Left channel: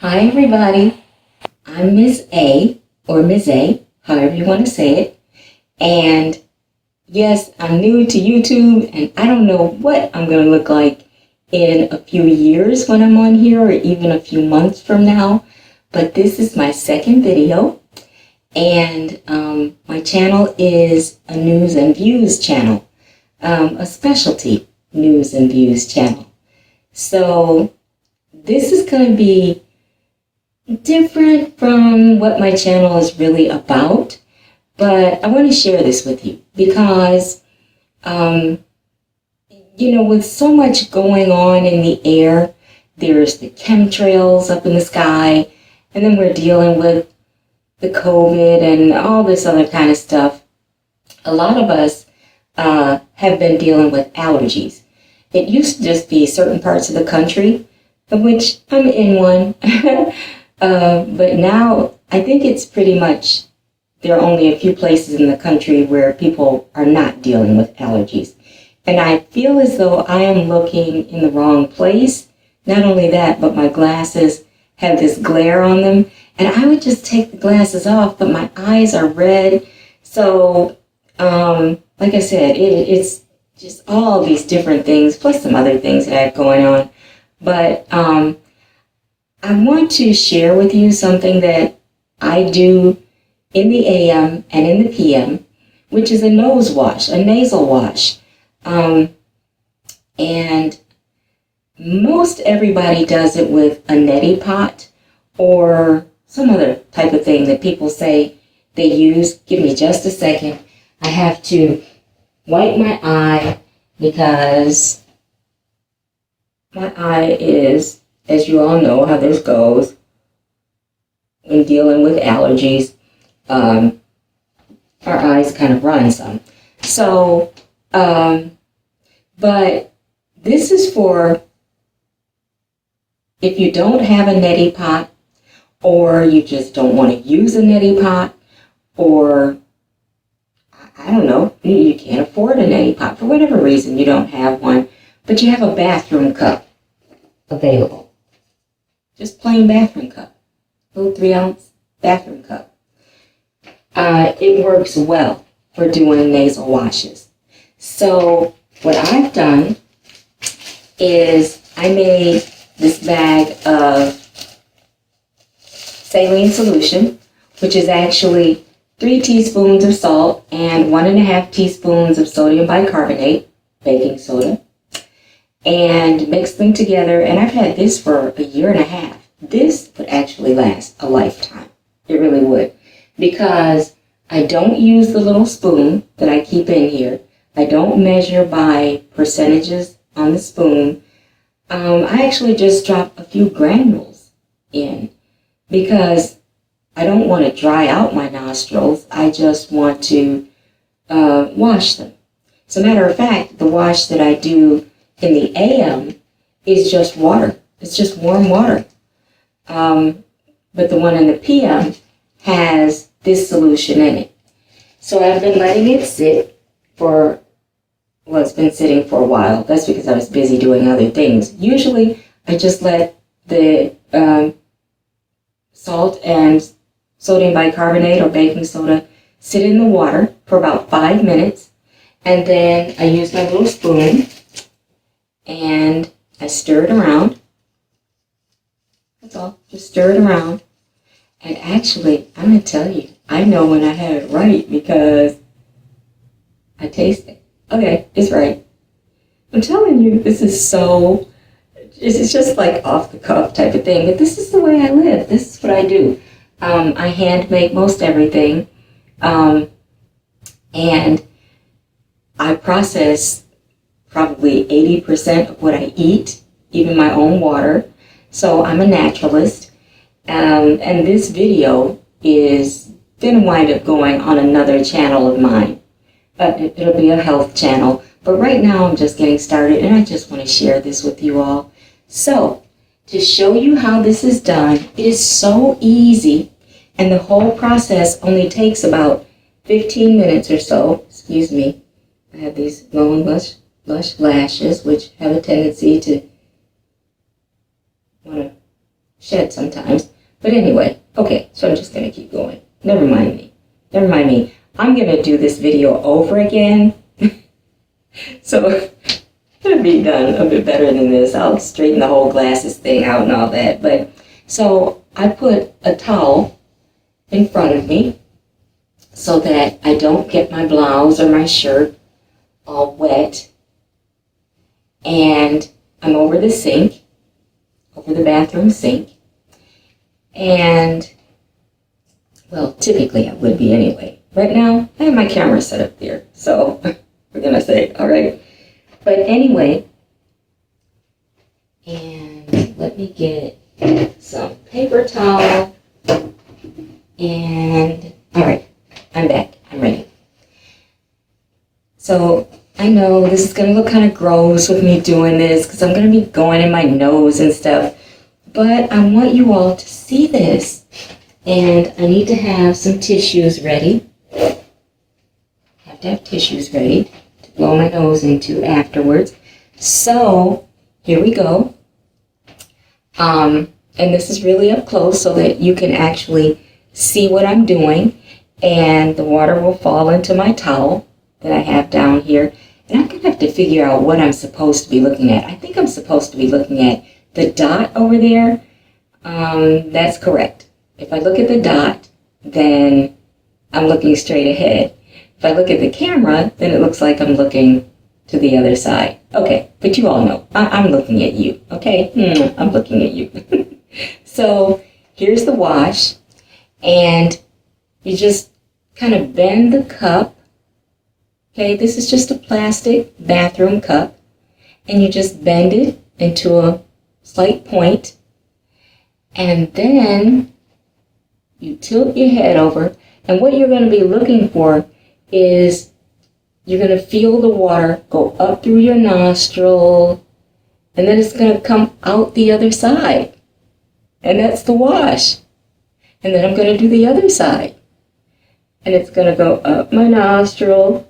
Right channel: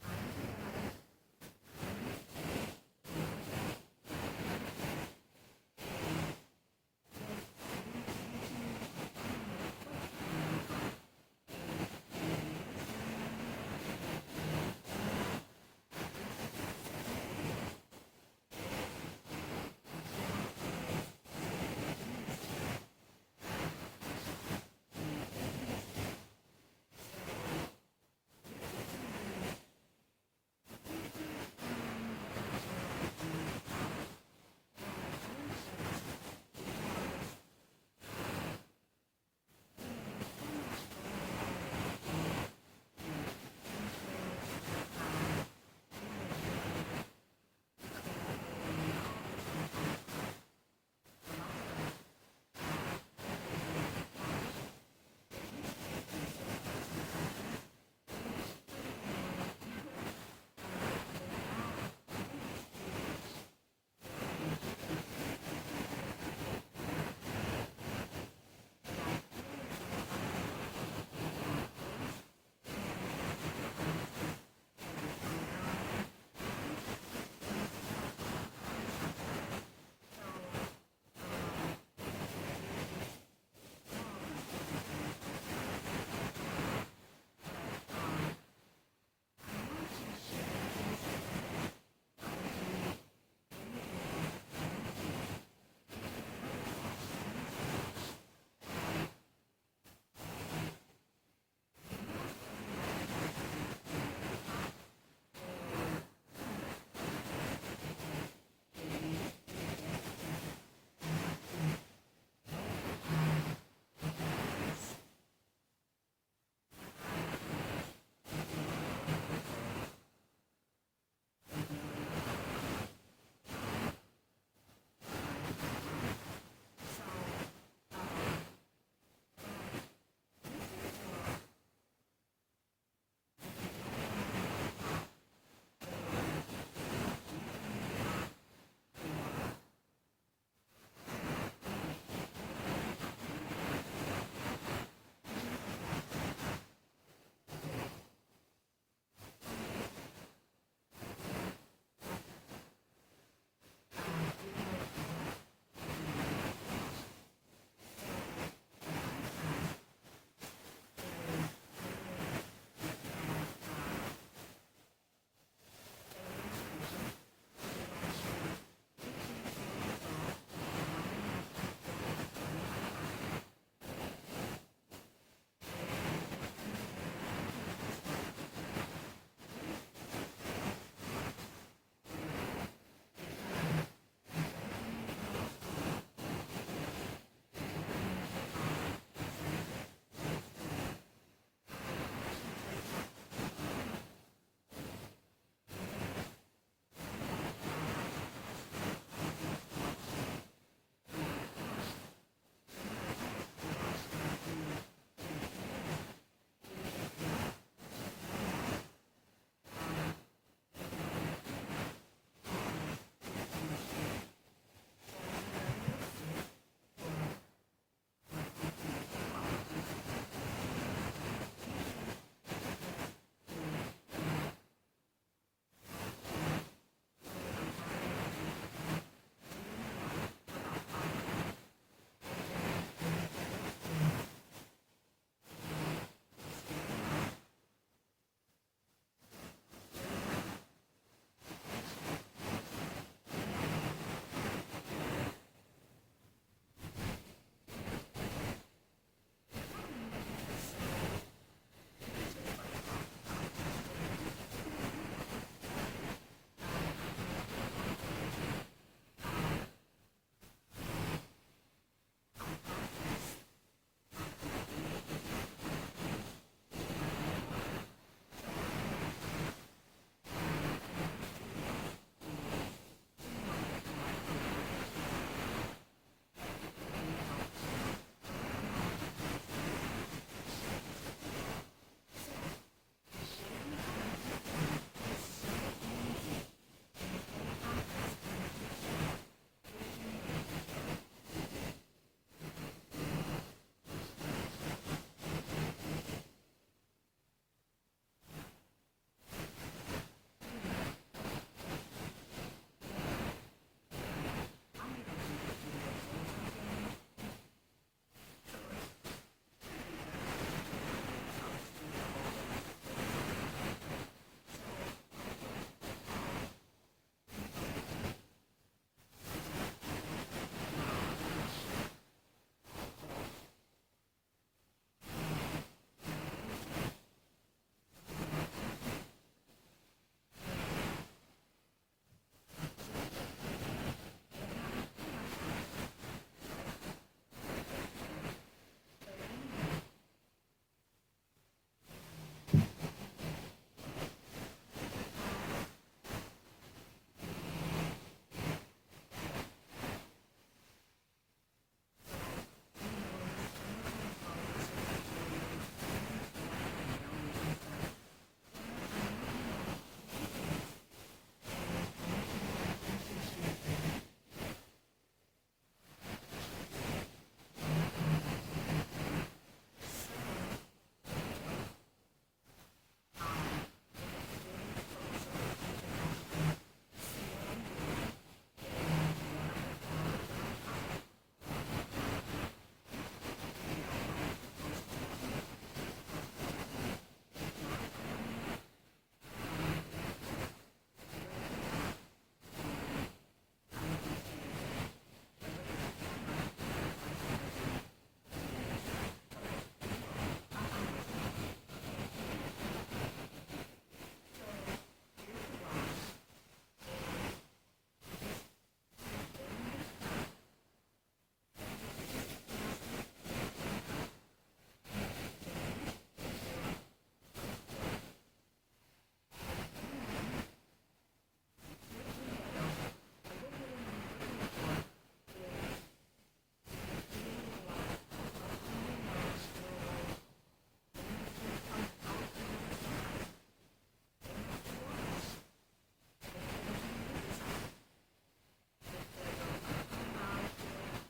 Hi everybody, I'm Miss A, or Ms. A, however you want to say it. And yes, I'm new to YouTube and I don't know what I'm going to look like in a few years when I'm on here or even a few months from now. But this is my second video and my channel is a news and views channel, a specialty news and views channel. So this is going to be different from what my channel is really about, but I want to share this with you because, with so much going on in the air, there's the chemtrails up in the sky, and then we're dealing with the COVID and all this other kind of stuff. A lot of us have been dealing with allergies. It used to just be certain parts of the country, of which I'm in one. But now I think it's pretty much, there are only a few places in the country where people are not dealing with allergies. And I feel as though I am looking in the wrong place. Not only that, but my glasses have this glare on them. And I would just take the glasses off, but my eyes are red. So, like I said, it's just all these different things, plus some other things that I have going on. But I want to share with you something that I do in the AM and in the PM, which is a nose wash, a nasal wash. And most everybody does it with a neti pot or some other type of thing that people say they use. Give me just a second. I have to wipe my eye because my eye is, as you all know how this goes in dealing with allergies, our eyes kind of run some. So, but this is for if you don't have a neti pot, or you just don't want to use a neti pot, or I don't know, you can't afford a neti pot for whatever reason, you don't have one, but you have a bathroom cup available. Just plain bathroom cup, little 3-ounce bathroom cup. It works well for doing nasal washes. So what I've done is I made this bag of saline solution, which is actually 3 teaspoons of salt and 1.5 teaspoons of sodium bicarbonate, baking soda, and mix them together. And I've had this for a year and a half. This would actually last a lifetime. It really would. Because I don't use the little spoon that I keep in here. I don't measure by percentages on the spoon. I actually just drop a few granules in because I don't want to dry out my nostrils. I just want to wash them. As a matter of fact, the wash that I do in the AM is just water. It's just warm water. But the one in the PM has this solution in it. So I've been letting it sit for, well, it's been sitting for a while. That's because I was busy doing other things. Usually I just let the salt and sodium bicarbonate or baking soda sit in the water for about 5 minutes. And then I use my little spoon and I stir it around. That's all. Just stir it around. And actually, I'm going to tell you, I know when I have it right because I taste it. Okay, it's right. I'm telling you, this is so, it's just like off the cuff type of thing. But this is the way I live. This is what I do. I hand make most everything. And I process probably 80% of what I eat, even my own water. So I'm a naturalist. And this video is going to wind up going on another channel of mine. It'll be a health channel. But right now I'm just getting started and I just want to share this with you all. So to show you how this is done, it is so easy. And the whole process only takes about 15 minutes or so. Excuse me. I have these long, lush lashes, which have a tendency to want to shed sometimes. But anyway, okay, so I'm just going to keep going. Never mind me. Never mind me. I'm going to do this video over again. So it's going to be done a bit better than this. I'll straighten the whole glasses thing out and all that. But so I put a towel in front of me so that I don't get my blouse or my shirt all wet. And I'm over the sink, over the bathroom sink. And, well, typically I would be anyway. Right now, I have my camera set up there. So we're going to say, all right. But anyway, and let me get some paper towel. And, all right, I'm back. I'm ready. So I know this is going to look kind of gross with me doing this because I'm going to be going in my nose and stuff. But I want you all to see this. And I need to have some tissues ready. Have to have tissues ready to blow my nose into afterwards. So here we go. And this is really up close so that you can actually see what I'm doing. And the water will fall into my towel that I have down here. And I'm going to have to figure out what I'm supposed to be looking at. I think I'm supposed to be looking at the dot over there. That's correct. If I look at the dot, then I'm looking straight ahead. If I look at the camera, then it looks like I'm looking to the other side. Okay, but you all know, I'm looking at you, okay? I'm looking at you. So here's the wash, and you just kind of bend the cup. Okay, this is just a plastic bathroom cup, and you just bend it into a slight point, and then you tilt your head over, and what you're going to be looking for is you're going to feel the water go up through your nostril, and then it's going to come out the other side, and that's the wash. And then I'm going to do the other side, and it's going to go up my nostril,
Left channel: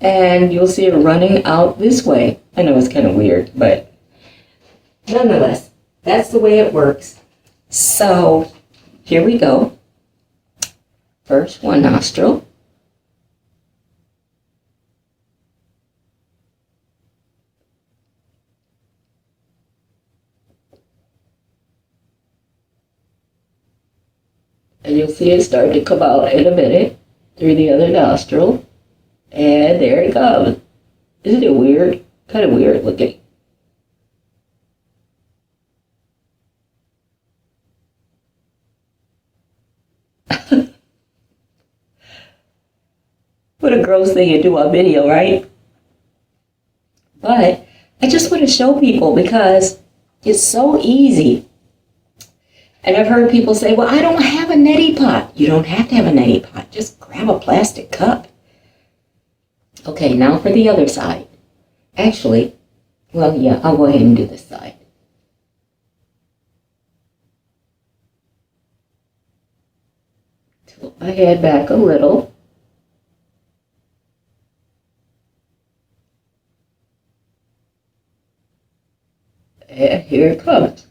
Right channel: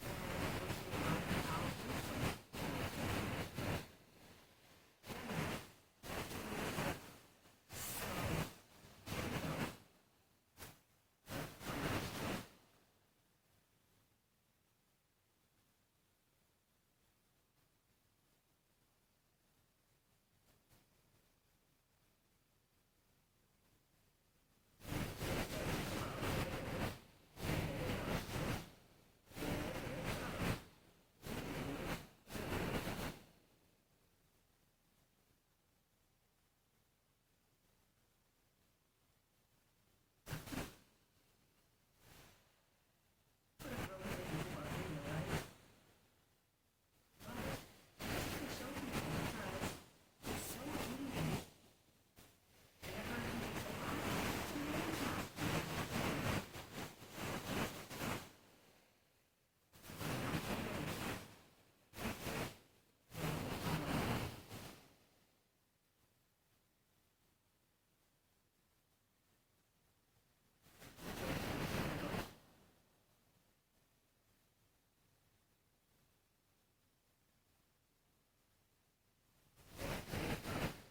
and you'll see it running out this way. I know it's kind of weird, but nonetheless, that's the way it works. So here we go. First one nostril. And you'll see it start to come out in a minute through the other nostril. And there it comes. Isn't it weird? Kind of weird looking. What a gross thing to do on video, right? But I just want to show people because it's so easy. And I've heard people say, well, I don't have a neti pot. You don't have to have a neti pot. Just grab a plastic cup. Okay, now for the other side. Actually, well, yeah, I'll go ahead and do this side. Tilt my head back a little. And here it comes.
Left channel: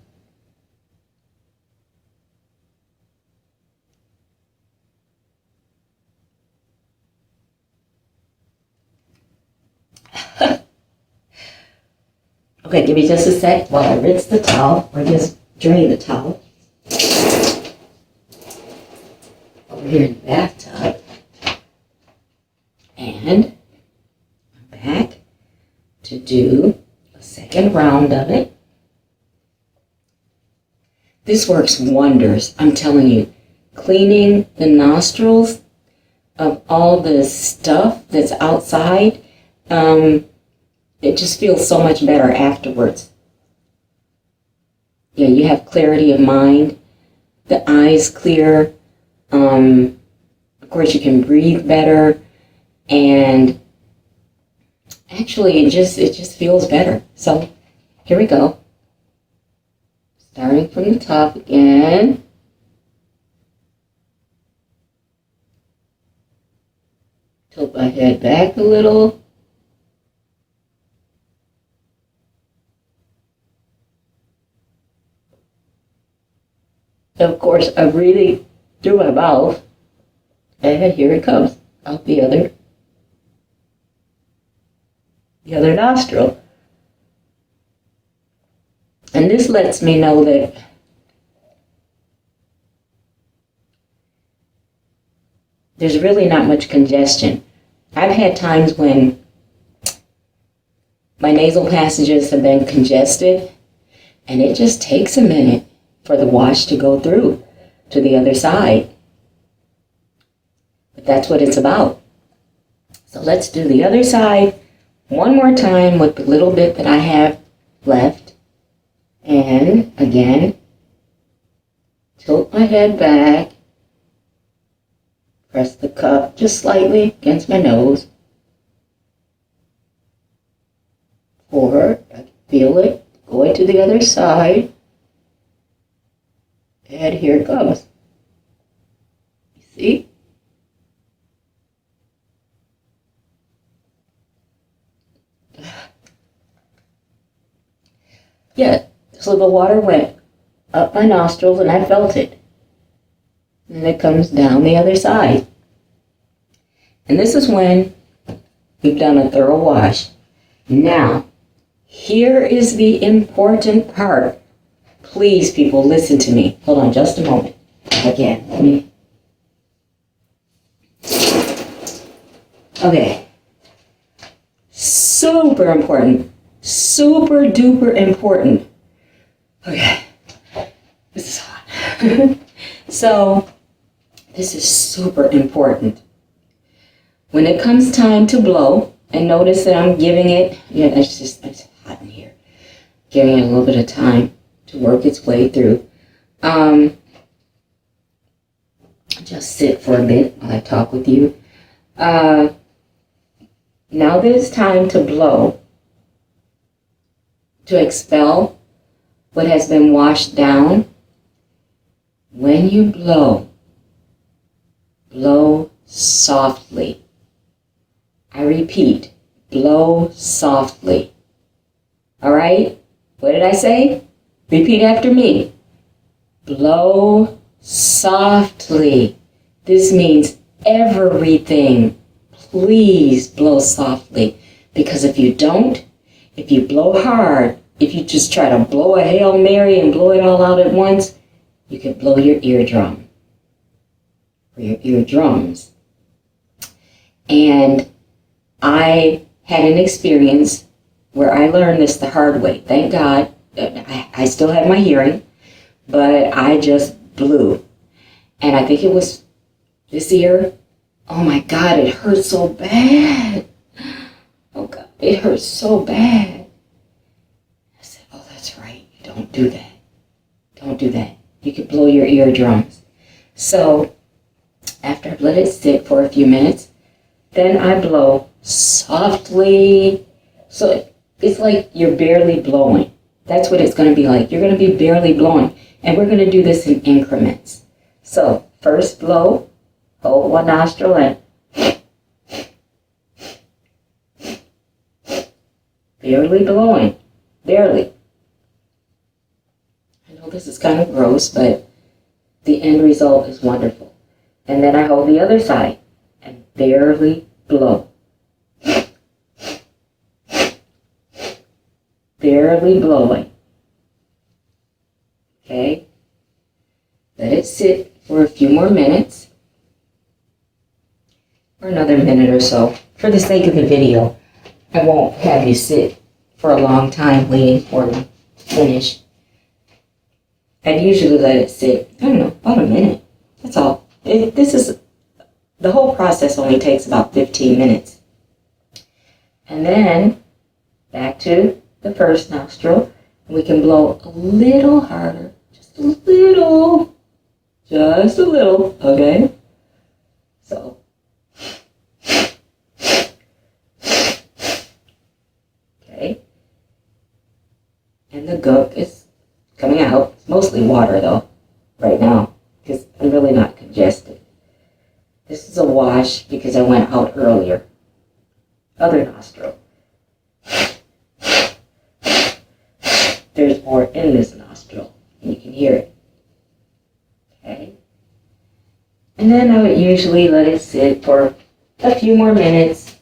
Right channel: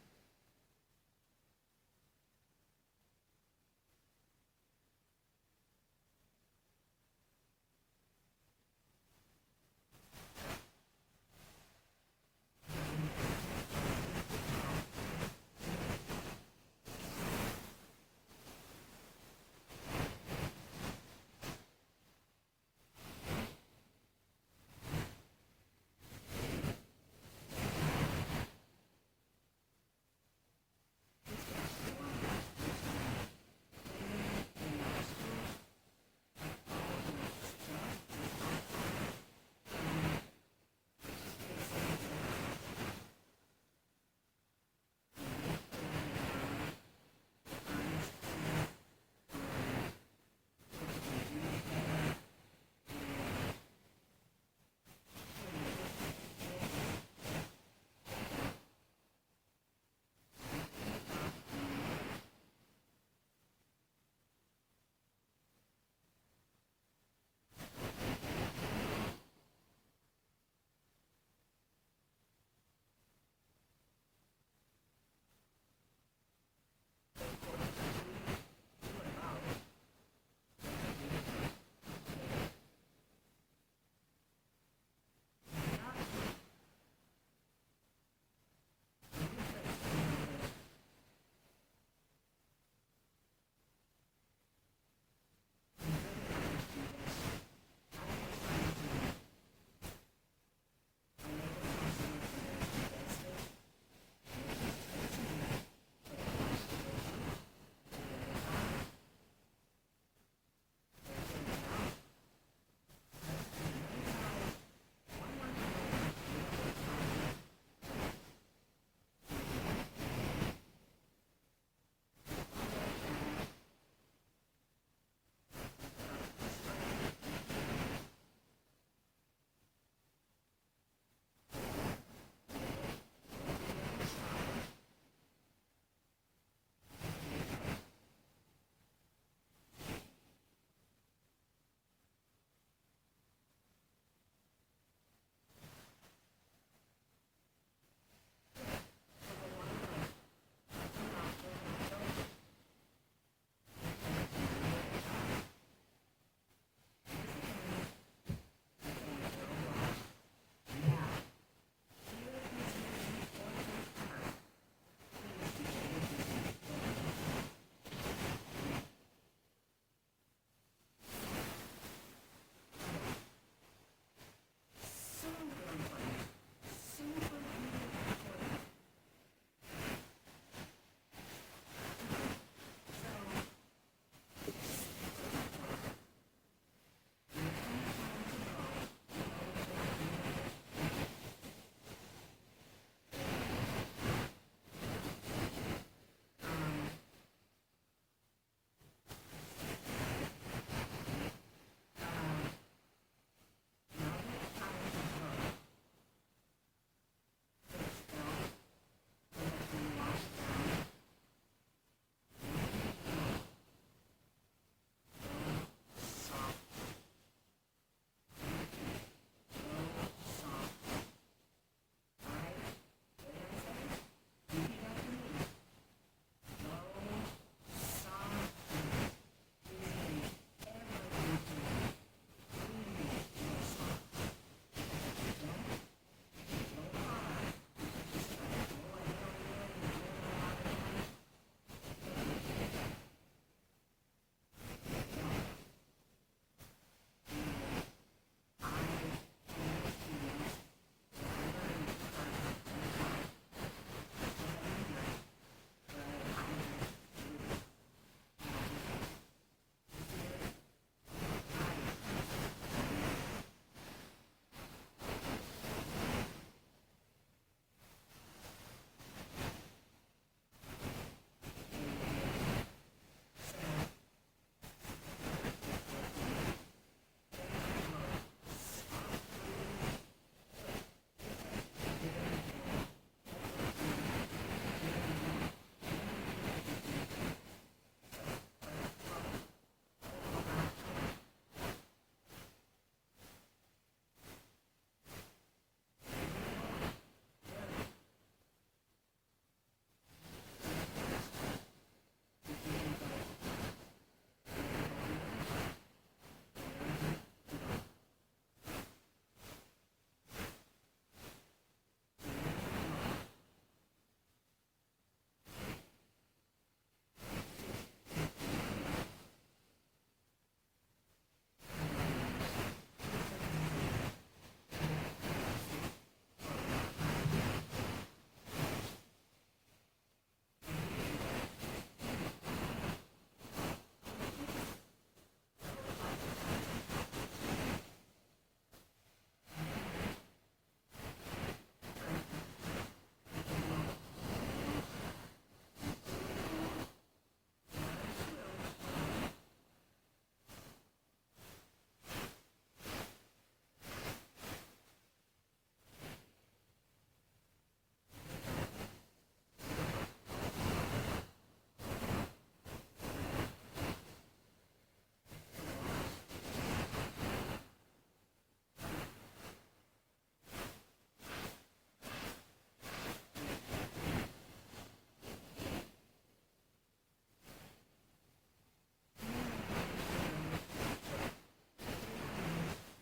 Okay, give me just a sec while I rinse the towel, or just drain the towel. Over here in the bathtub. And I'm back to do a second round of it. This works wonders, I'm telling you. Cleaning the nostrils of all the stuff that's outside, it just feels so much better afterwards. Yeah, you have clarity of mind, the eyes clear, of course you can breathe better, and actually it just feels better. So here we go. Starting from the top again. Tilt my head back a little. Of course, I'm breathing through my mouth, and here it comes out the other nostril. And this lets me know that there's really not much congestion. I've had times when my nasal passages have been congested, and it just takes a minute for the wash to go through to the other side. But that's what it's about. So let's do the other side one more time with the little bit that I have left. And again, tilt my head back, press the cup just slightly against my nose. Forward, I can feel it going to the other side. And here it comes. You see? Yeah, so the water went up my nostrils and I felt it. And it comes down the other side. And this is when we've done a thorough wash. Now, here is the important part. Please, people, listen to me. Hold on just a moment. Again. Okay. Super important. Super duper important. Okay. This is hot. So, this is super important. When it comes time to blow, and notice that I'm giving it, it's hot in here. Giving it a little bit of time to work its way through. Just sit for a bit while I talk with you. Now that it's time to blow, to expel what has been washed down. When you blow, blow softly. I repeat, blow softly. All right? What did I say? Repeat after me. Blow softly. This means everything. Please blow softly. Because if you don't, if you blow hard, if you just try to blow a Hail Mary and blow it all out at once, you could blow your eardrum. Or your eardrums. And I had an experience where I learned this the hard way. Thank God. I still have my hearing, but I just blew. And I think it was this ear. Oh my God, it hurt so bad. Oh God, it hurt so bad. I said, oh, that's right. Don't do that. Don't do that. You could blow your eardrums. So after I've let it sit for a few minutes, then I blow softly. So it's like you're barely blowing. That's what it's going to be like. You're going to be barely blowing. And we're going to do this in increments. So first blow, hold one nostril in. Barely blowing. Barely. I know this is kind of gross, but the end result is wonderful. And then I hold the other side and barely blow. Barely blowing. Okay? Let it sit for a few more minutes. Or another minute or so. For the sake of the video, I won't have you sit for a long time waiting for me to finish. I'd usually let it sit, I don't know, about a minute. That's all. The whole process only takes about 15 minutes. And then, back to the first nostril. We can blow a little harder. Just a little. Just a little, okay? So. Okay. And the gook is coming out. It's mostly water, though, right now, because I'm really not congested. This is a wash because I went out earlier. Other nostril. There's more in this nostril. You can hear it. And then I would usually let it sit for a few more minutes.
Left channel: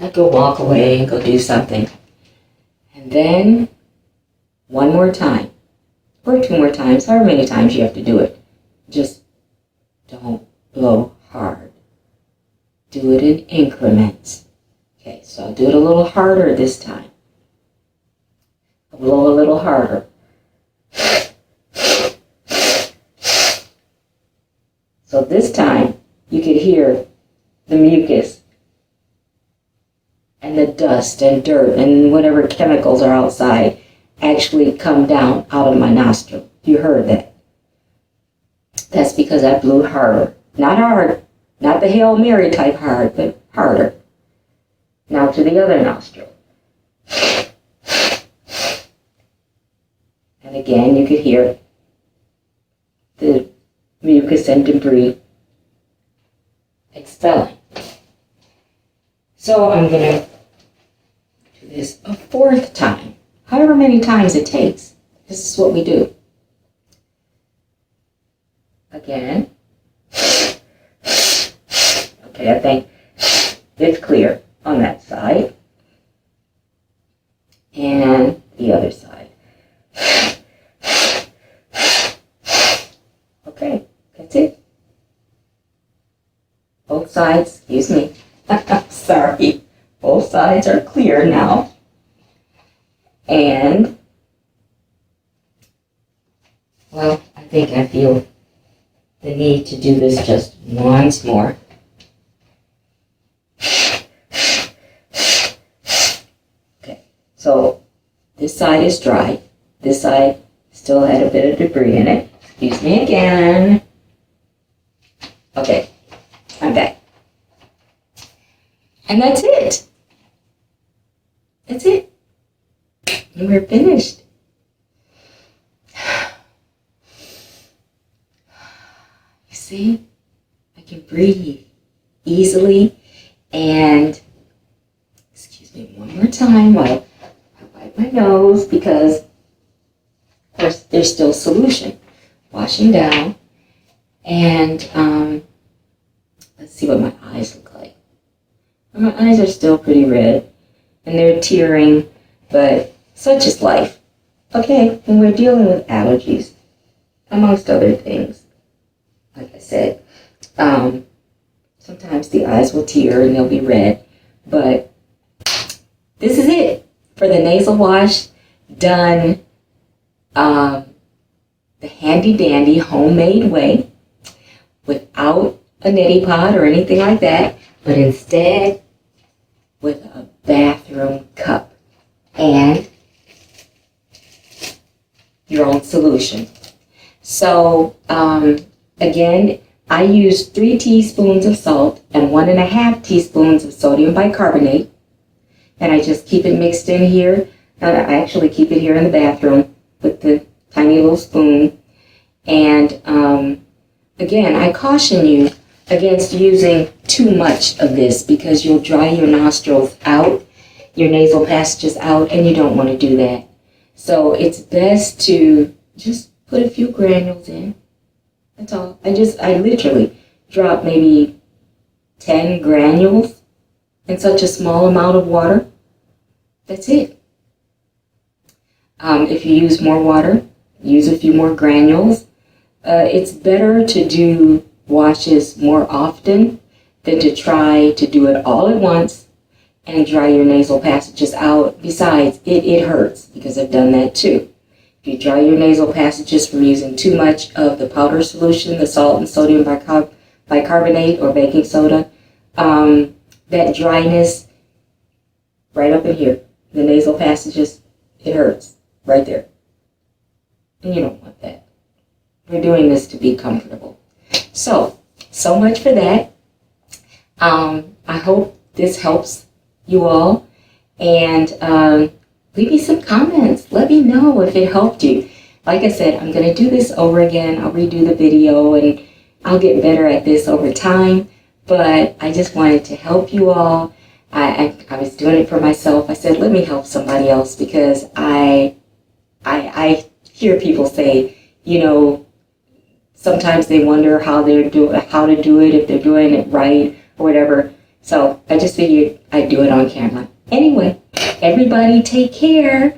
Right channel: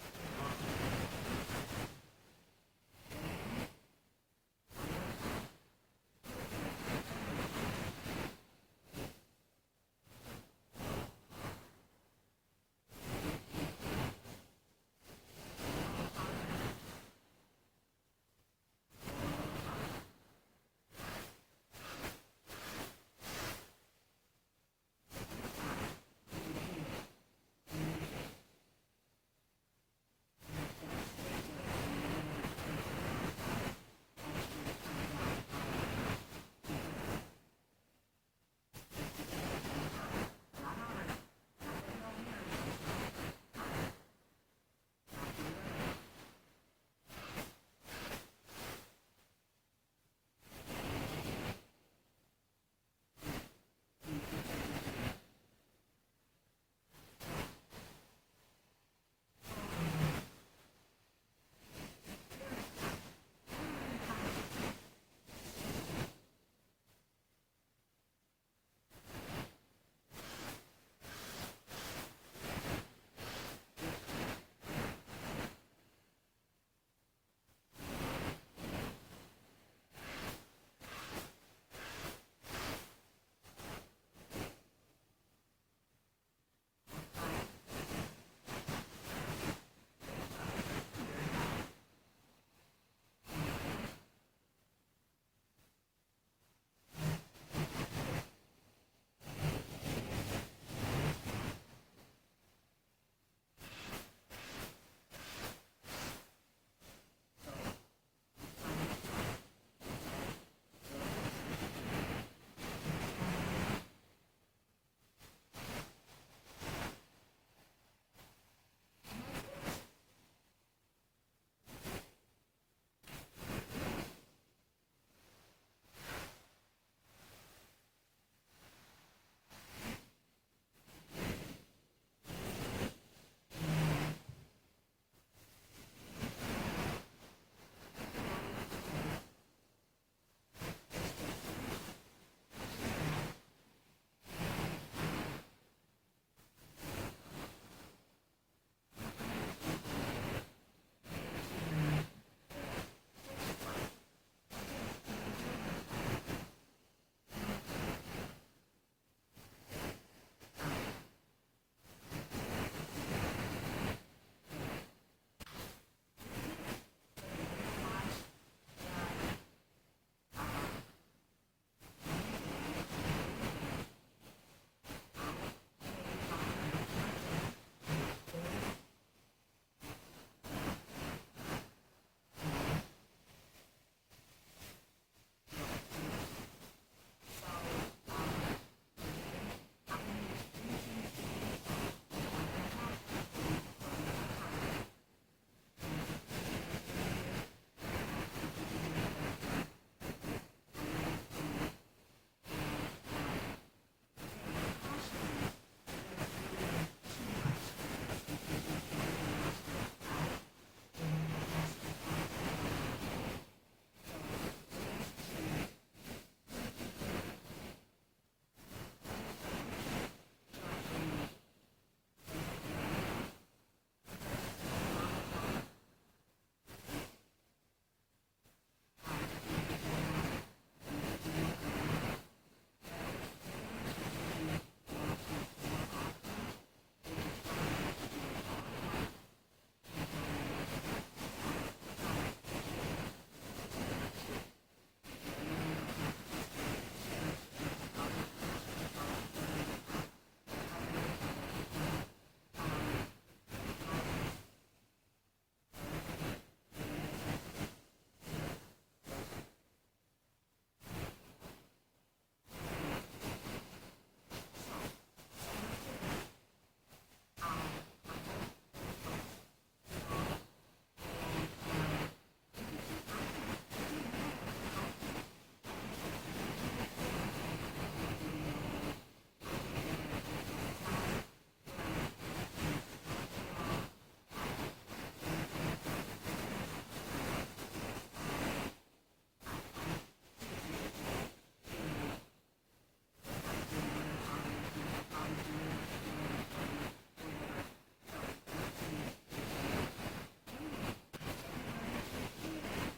I'd go walk away and go do something. And then one more time, or two more times, however many times you have to do it. Just don't blow hard. Do it in increments. Okay, so I'll do it a little harder this time. I'll blow a little harder. So this time, you could hear the mucus and the dust and dirt and whatever chemicals are outside actually come down out of my nostril. You heard that. That's because I blew harder. Not hard, not the Hail Mary type hard, but harder. Now to the other nostril. And again, you could hear the mucus and debris expelling. So I'm going to do this a fourth time. However many times it takes. This is what we do. Again. Okay, I think it's clear on that side. And the other side. Okay, that's it. Both sides, excuse me. Sorry. Both sides are clear now. And, well, I think I feel the need to do this just once more. Okay, so this side is dry. This side still had a bit of debris in it. Excuse me again. Okay, I'm back. And that's it. That's it. And we're finished. You see, I can breathe easily. And, excuse me one more time while I wipe my nose because, of course, there's still solution. Washing down. And let's see what my eyes look like. My eyes are still pretty red. And they're tearing, but such is life. Okay, and we're dealing with allergies, amongst other things. Like I said, sometimes the eyes will tear and they'll be red, but this is it for the nasal wash done the handy dandy homemade way without a neti pot or anything like that, but instead with a bathroom cup and your own solution. So again, I use 3 teaspoons of salt and 1.5 teaspoons of sodium bicarbonate, and I just keep it mixed in here. I actually keep it here in the bathroom with the tiny little spoon. And again, I caution you against using too much of this because you'll dry your nostrils out, your nasal passages out, and you don't want to do that. So it's best to just put a few granules in. That's all. I literally drop maybe 10 granules in such a small amount of water. That's it. If you use more water, use a few more granules. It's better to do washes more often than to try to do it all at once and dry your nasal passages out. Besides, it hurts because I've done that too. If you dry your nasal passages from using too much of the powder solution, the salt and sodium bicarbonate or baking soda, that dryness right up in here, the nasal passages, it hurts right there. And you don't want that. We're doing this to be comfortable. So much for that. I hope this helps you all. And leave me some comments. Let me know if it helped you. Like I said, I'm going to do this over again. I'll redo the video and I'll get better at this over time. But I just wanted to help you all. I was doing it for myself. I said, let me help somebody else because I hear people say, sometimes they wonder how to do it, if they're doing it right or whatever. So I just figured I'd do it on camera. Anyway, everybody take care.